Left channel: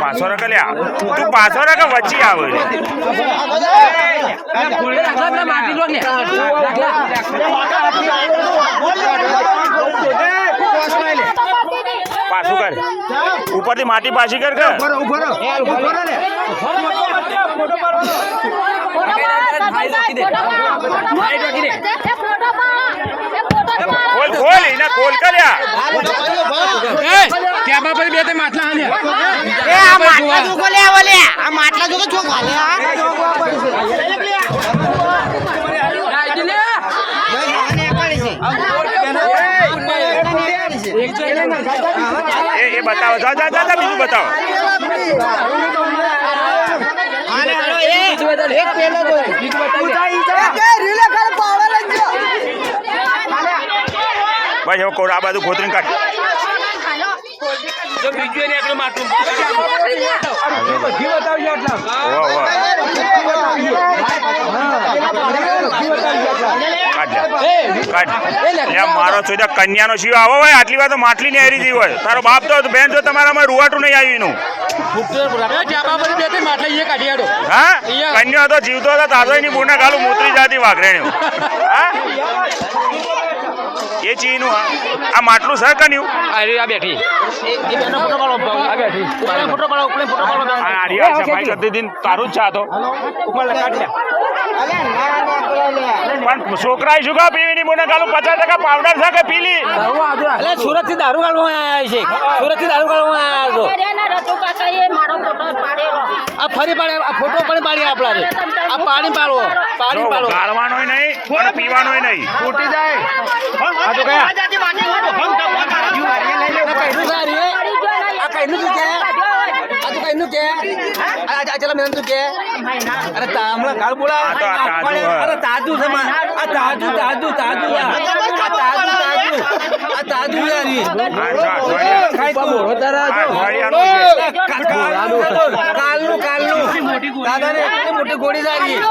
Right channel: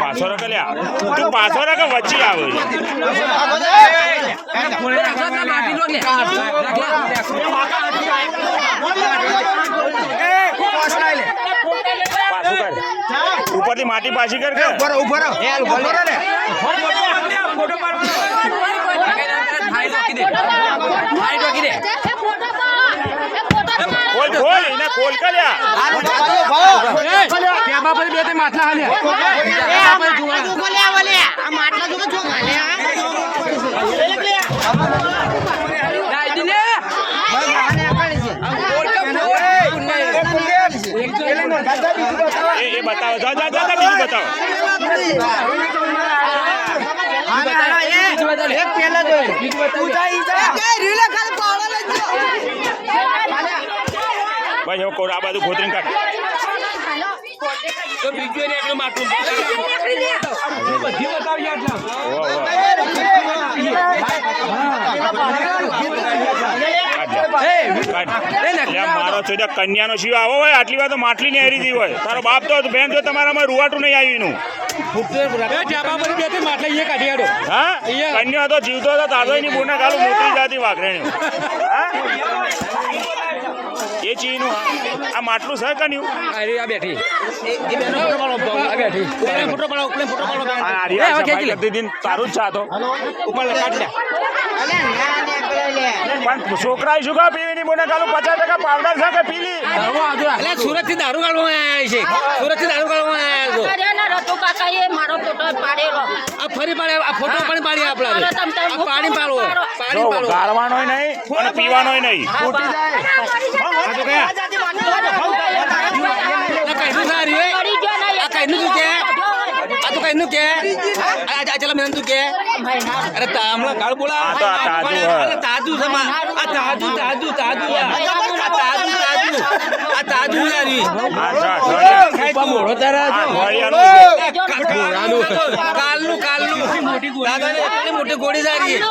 પાછો રખ લ્યા તું પાછો રખ વચ્ચે આવે પાછું કર ઉપરથી માટી પાછી કર ખોલ ખોલ એને ખોલ કર્યા ત્યાં પર બે તે માટલા હાલ્યા આ માટલા જો છો ખાલ્યા એ બતાવો જા જા જા બીજું બતાવો ભાઈ હવે કોર આ બાજુ ખોતરીને કાઢ તો બીજું એને એકલું માટલું બધી બતાવી એટલા મારો છો કન્યાનો શિવ આવો હોય આટલી વાર તો માટલી ને હેરી જઈ હોય તારો બાપ તો બેન જો તમારામાં રૂવાટું નહીં આવ્યું હા કન્યા તો જીવતો હતો તાજો ની બુના કાલું મોતરી જાતી વાઘરેણ્યું હા એ ચીનું આ માટલું સર કન્યું આ બેઠી તારું જ છાતો પણ છોકરા શું કા પીવી ની બોને કાલું 50% પાવડર છે કે પીલી સુરત થી દારૂ કાઢવા સુરત થી દારૂ કાઢવા ફરી પાડે આ ફોટો પણ પાડી આપણા આ પાણી પાડવો પાણી પાડવો ગાળવાનો નહીં અને પીવાનો નહીં ફૂટી જાય આ તો કયા चला मैं तू क्या अरे तामला काल बोला अरे ताजू ताजू ताजू ताजू ताजू यारी कालू कालू दादा ने इतनी मोटी गोड़ी जा रही है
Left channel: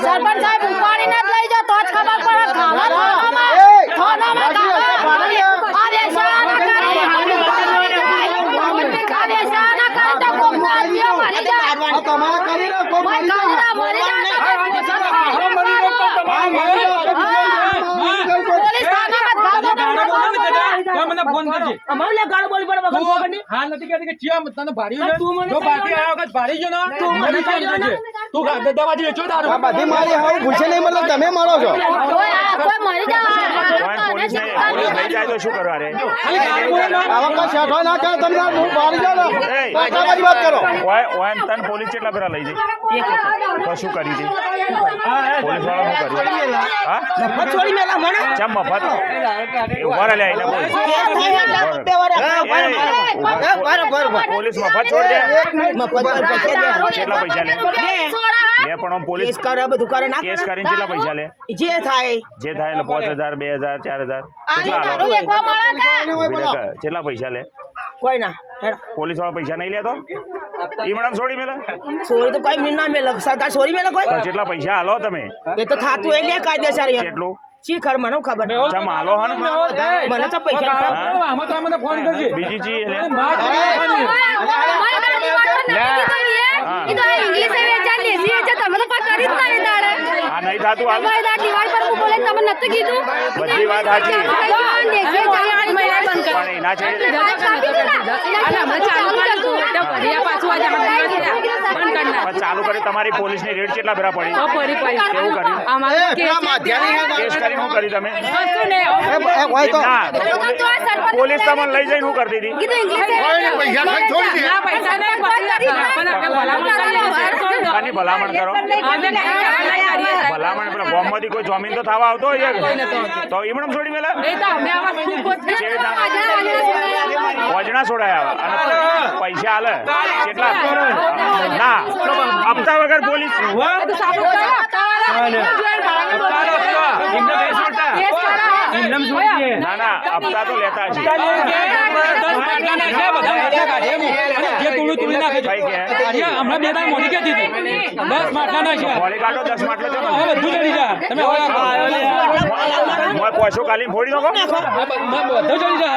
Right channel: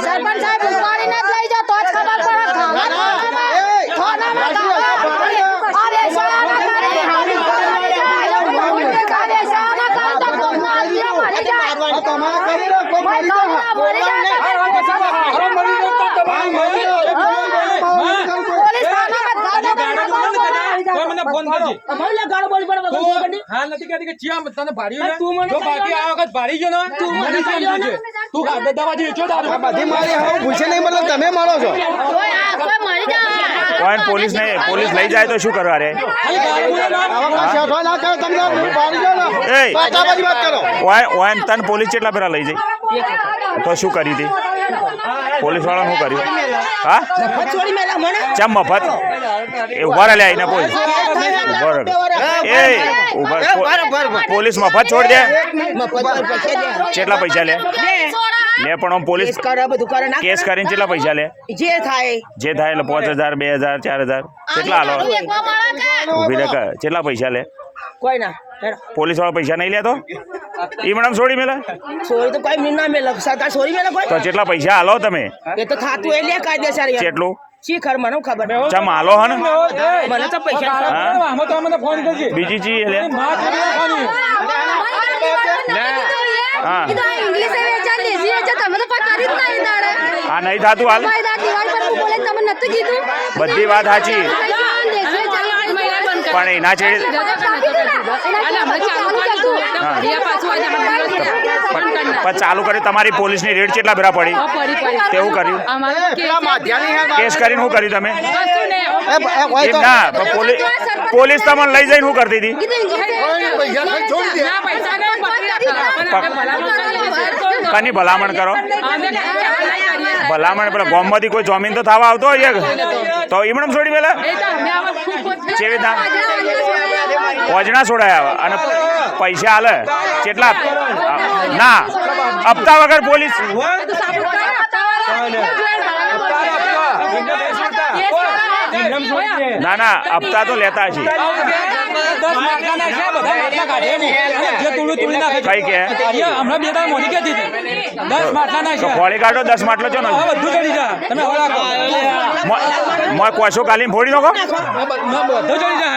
સરપંચ સાહેબ ઉપાડી ન લઈ જાઓ તો જ ખબર પડે થાનામાં फोन करजे અમારે ગાળ બોલ પડે વગર ખબરની હા નથી કહેતી કે ચિયા તને ભાડ્યું ને જો બાકી આ વખત ભાડી ગયો ને તું મને કેમ છે તું દવાજી વેચો દારૂ આ બધી મારી હાવ પૂછે નહીં મતલબ તમે મારો છો કોઈ મરી જાય પોલીસ લઈ જાય તો શું કરવા રે આવા કા શેઠો ના કરે તમે ભાડી જાવ ને બાકી વાત કરો ઓય તન પોલીસ કેટલા પેલા લઈ જાય તો શું કરી દી પોલીસ વાળા શું કર્યું હા મફત છોડી મેલા મને ચમ મફત એ ઉભા લે આઈને પોલીસ પોલીસ મફત છોડ દે કેટલા પૈસા લે લે પણ પોલીસ કરે બધું કરે ના કેસ કરીને કેટલા પૈસા લે જે થાય એટલે 5000 2000 4000 કેટલા આલો કેટલા પૈસા લે કોઈ ના પોલીસ વાળા પૈસા નહીં લેતો ઈ મેડમ છોડી મેલે સોરી તો કોઈ મિના મેલે સરકાર સોરી મેલે કોઈ તો કેટલા પૈસા આલો તમે એ તો થાતું એ લે કાયદેસર કેટલું શીખર મને ખબર ચમ આલો હન મને તો પૈસા આમાં તો મને ફોન કરજે બીજી ચીજ લે આ નહીં થાતું હાલ બધી વાત સાચી પણ એના છે ચાલુ કરી તમારી પોલીસની રેડ કેટલા ભેરા પડી કેવું કર્યું કેસ કરીને શું કર્યું તમે પોલીસ તમને લઈ જઈને શું કરતી હતી કની ભલામણ કરો ભલામણ પેલા ગામમાંથી કોઈ જમીન તો થવા આવતો હોય તો એમણે છોડી મેલા વજના છોડાયા અને પૈસા આલે કેટલા ના હપ્તા વગર પોલીસ ના ના હપ્તા તો લેતા છે કઈ કે ફોડી કાઢો 10 માટલો છે ને કોશો કાલીને ફોડી નાખો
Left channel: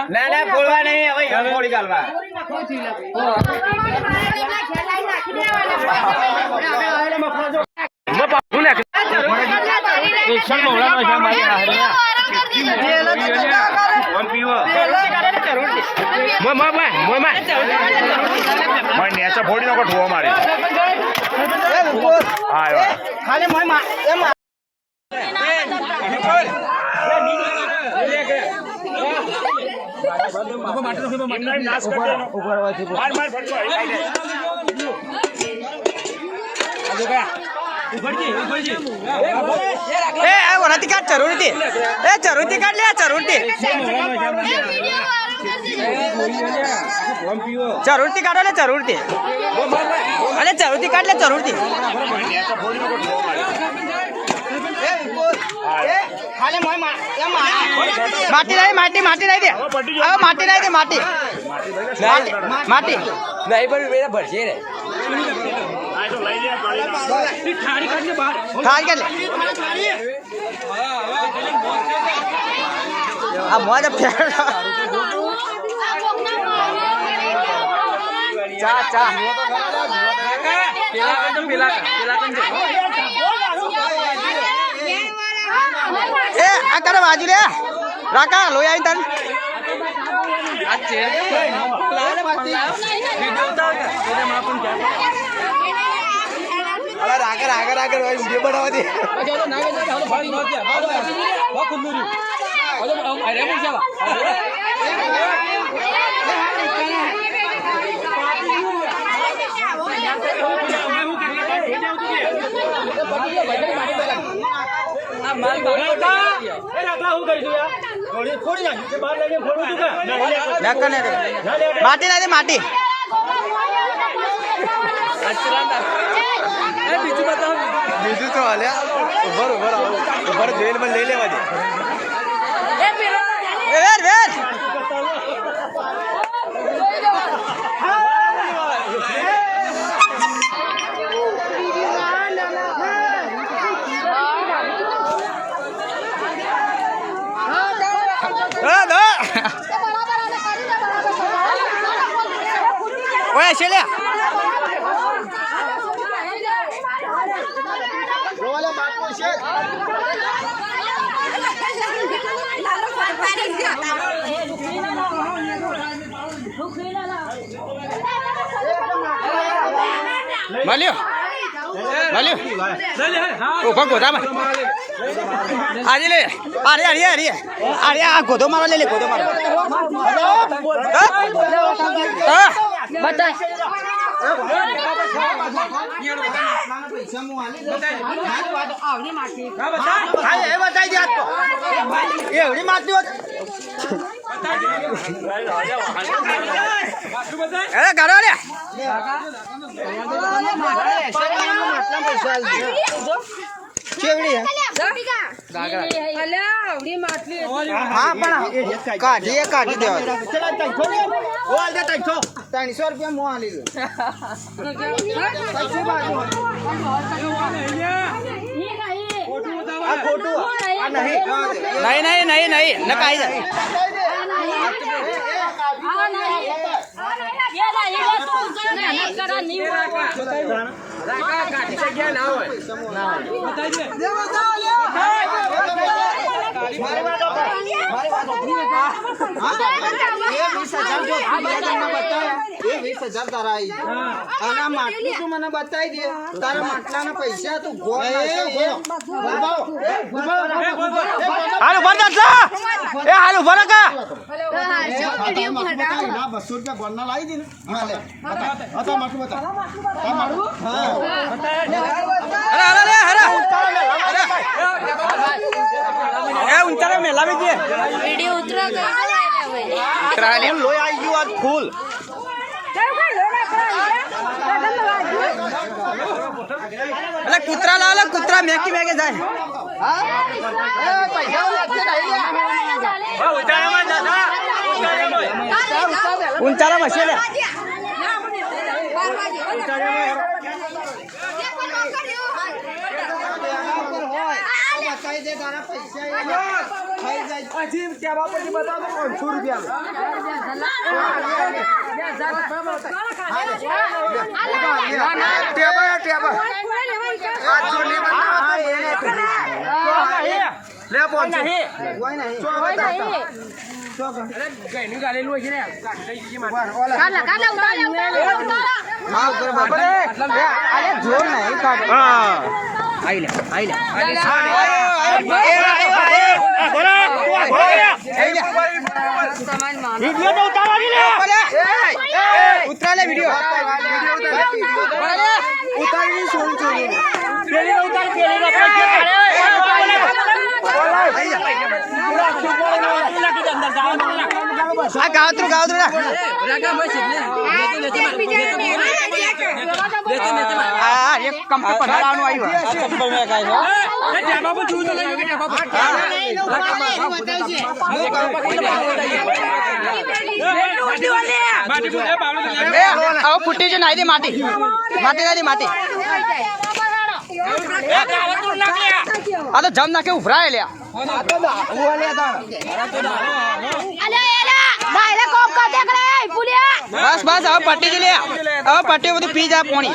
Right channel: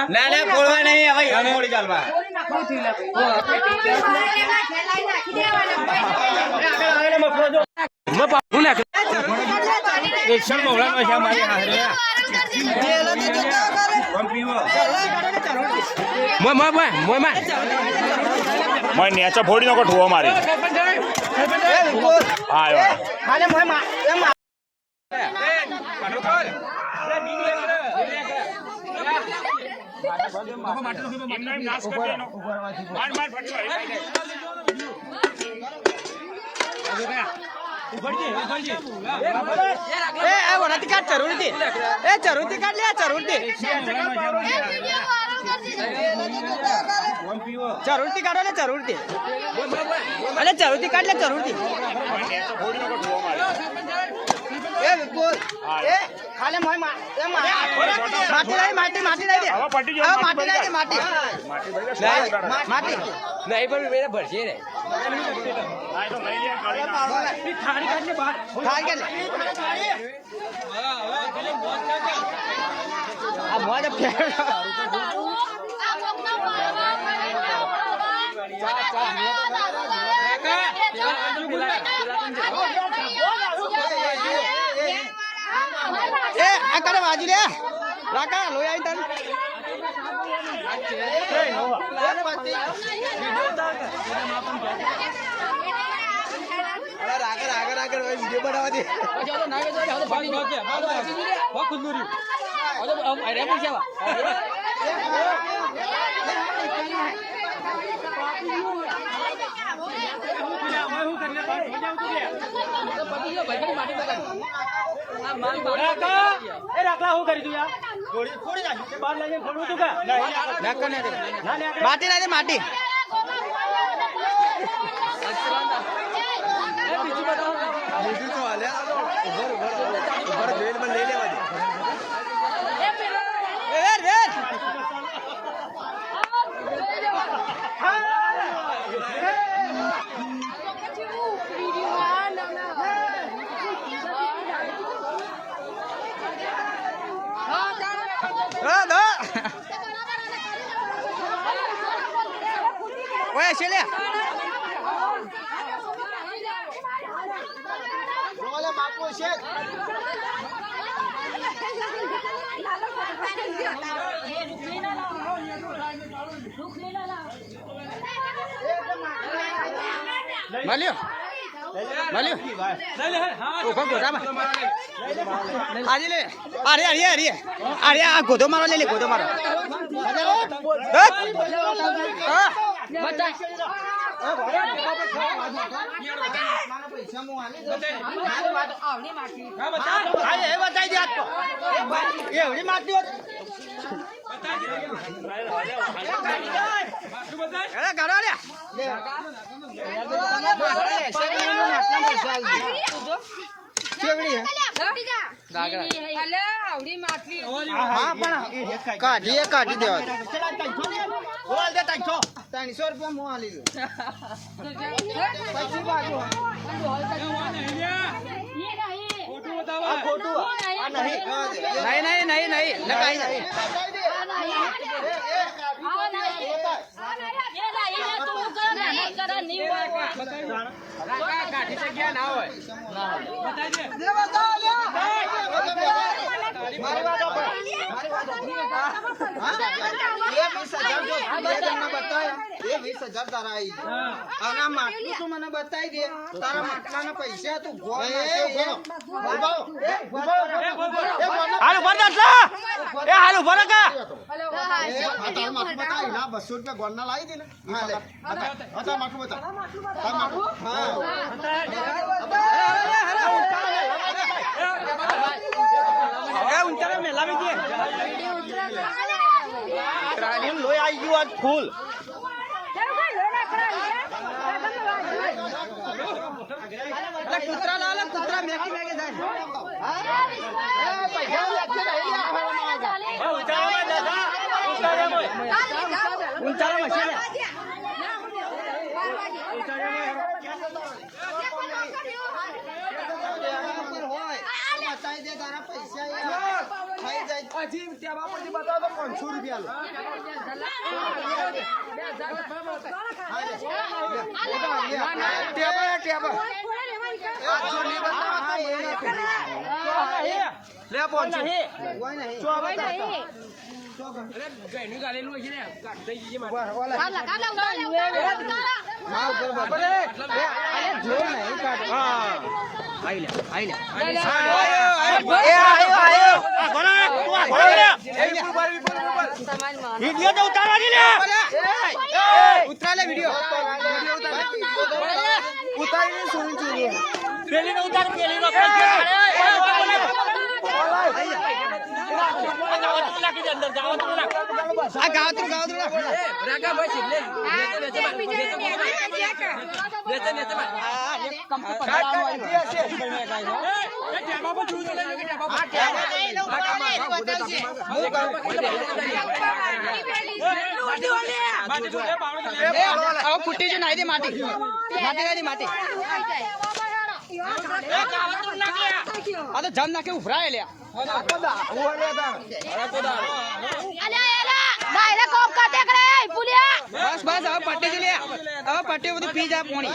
ના ના ફોડવા નહીં હવે ફોડી કાઢવા નેચા ફોડી નાખો ઠુવો મારી હા જરૂરથી કાઢ લે જરૂરથી કાઢો લે જરૂરથી અરે જરૂરથી કાઢ લે જરૂરથી માટી લાવી માટી લાવી દે હવે માટી લાવી દે માટી નહીં પણ ભરશે રે ખાડ કે લે આ મોજ ફેર ચા એ આ કરે બાજુ રે રાકા લોઈ આવી તન આગળ વિડીયો બનાવવા દે માટી લાગે માટી બીજું તો હાલ્યા ઉભર જોઈને મને લઈ લેવા દે ઓય શેલ્યા રોલે બાપુ છે મળ્યો ઉભા ગોધામાં આજે લે અરે આ ગોધો મારો લે ગોધો મારો એવડી માતી હોત ગાડો લે હા પણ કાઢી દેવા 300 રૂપિયા મોં આલી નહીં નકાઈ જાય મને બતાવી દે તારા માટલાના પૈસા તું હાલ ઉભા કા 200 રૂપિયા ગોળના લાવી દે ને ઊંચારે મેલા લોહી આવી ગયું આજ ફૂલ અરે કૂતરા લાવ કૂતરા મેકી મેકે જાય ઊંચાળા મશે લે ઉતરા લે વિડિયો આ ગાવતરું આ એક કંપની પડાવવાનું આવ્યું ફૂટી જો નાઈ દે માટી નાઈ દે માટી આ તો જમ નાખે ઉભરાય લ્યા બસ બસ હવે પટ્ટી જ લે હવે પટ્ટી બધું પી જા પોણી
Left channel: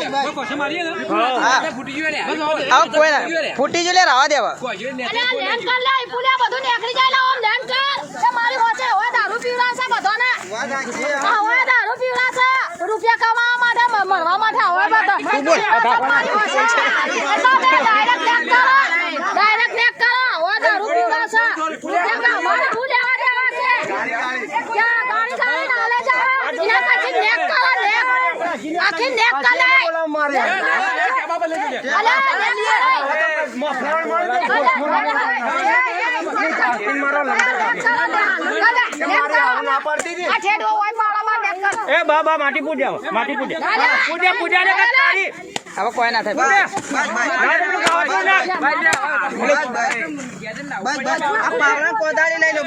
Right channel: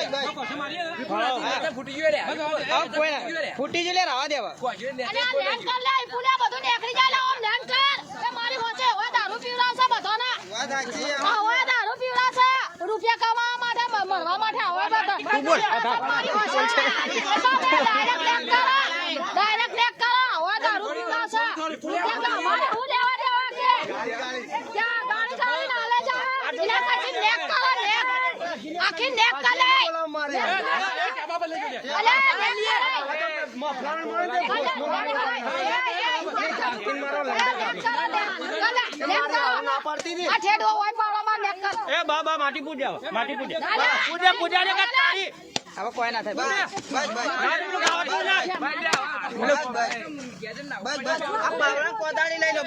હવે કોઈ ના ફૂટી જ લે રાવા દેવા રૂપિયા કમાવા માટે મળવા માટે ડાયરેક્ટ નેક કરો હવે દારૂ પીવડાવશે અમારે શું લેવા દેવા છે ક્યાં ગાડી ગાડી નાલે જાય એના પછી નેક કરો નેક આખી નેક કરે એ બાબા માટી પૂજા પૂજા ને તારી હવે કોઈ ના થાય કોદાળી લઈ લો